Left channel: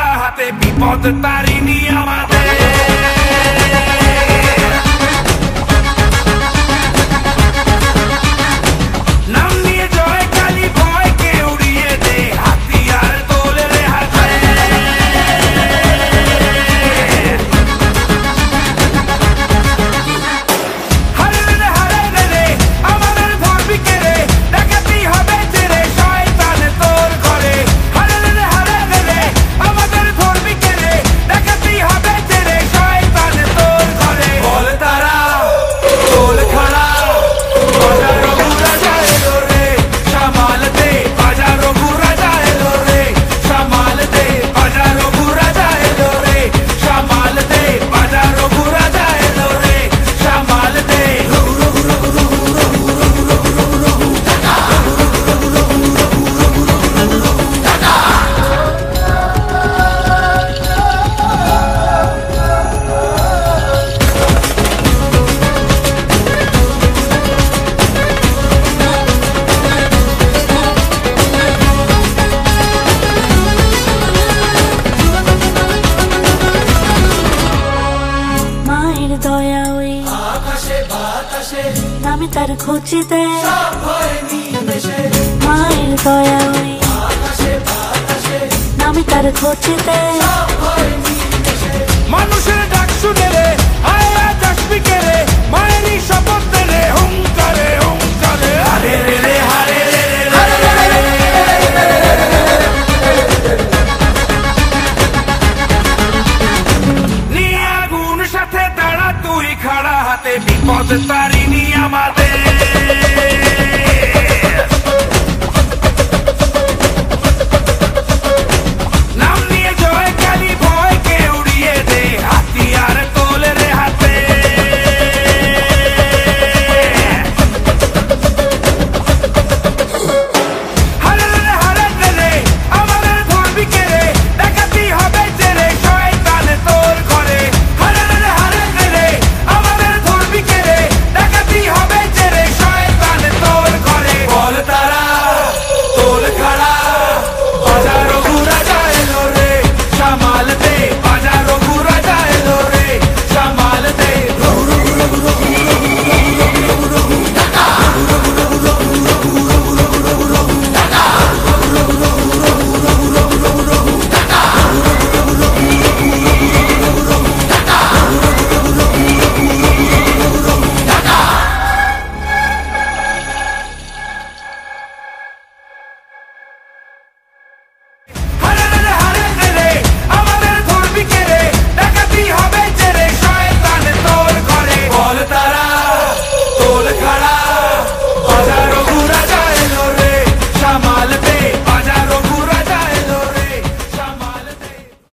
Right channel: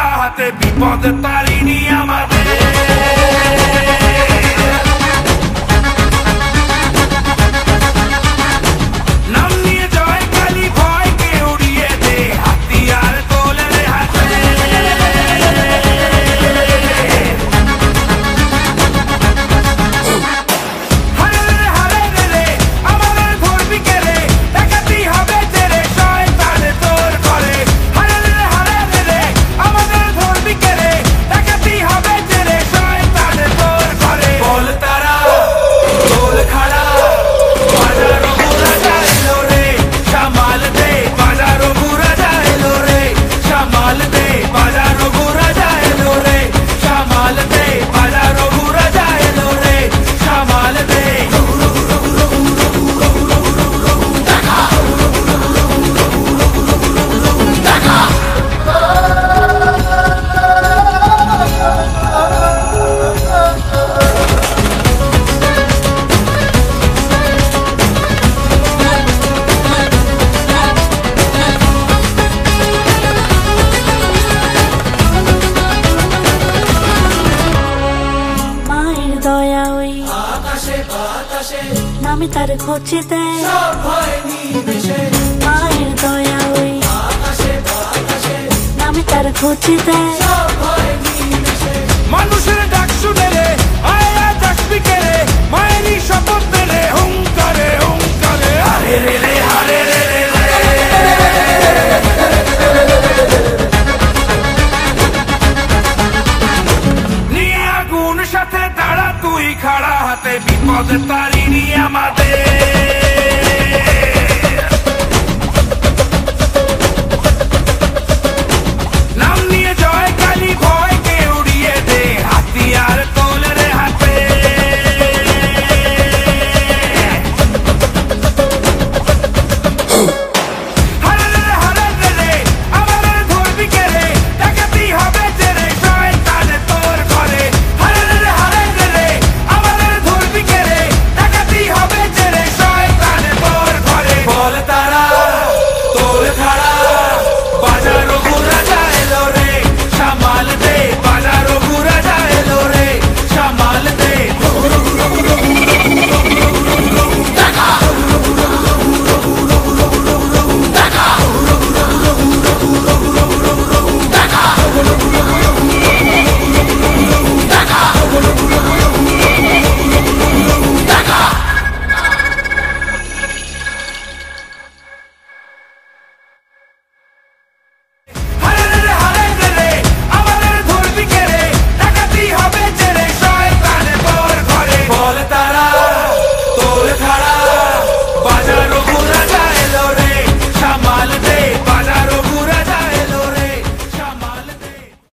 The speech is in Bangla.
ধরা হাতে বিপদ তারিণী আমাদের। নাম নিয়ে জয় কালী ভয়কে উড়িয়ে দে, হাতিয়ার তোলে রে হাতে। হারে রে হারে রে রে আমাদের ধরবি কে রে, ডাকাতি হবে যে রে শয়তান তোর ঘরে। হারে রে হারে রে রে আমাদের ধরবি কে রে, ডাকাতি হবে যে রে শয়তান তোর ঘরে। বল তারা বল খাড়া বাজারো বুড়া যাইলো রে, সামাল দে বাজারো বুড়া যাইলো রে, সামাল দে বাজারো বুড়া যাইলো রে, সামাল দে বাজারো বুড়া যাইলো রে, সামাল দে। মায়ের দয়া ওই আকাশে বাতাসে নামে তার খোঁজেতে, মায়ের দয়া ওই আকাশে বাতাসে নামে তার খোঁজেতে। মানুষের ডাক শুনে রে আয় আজ আসবি কে রে, মায়েরই শপথ রে হুঙ্কারে হুঙ্কারে। হারে রে রে হারে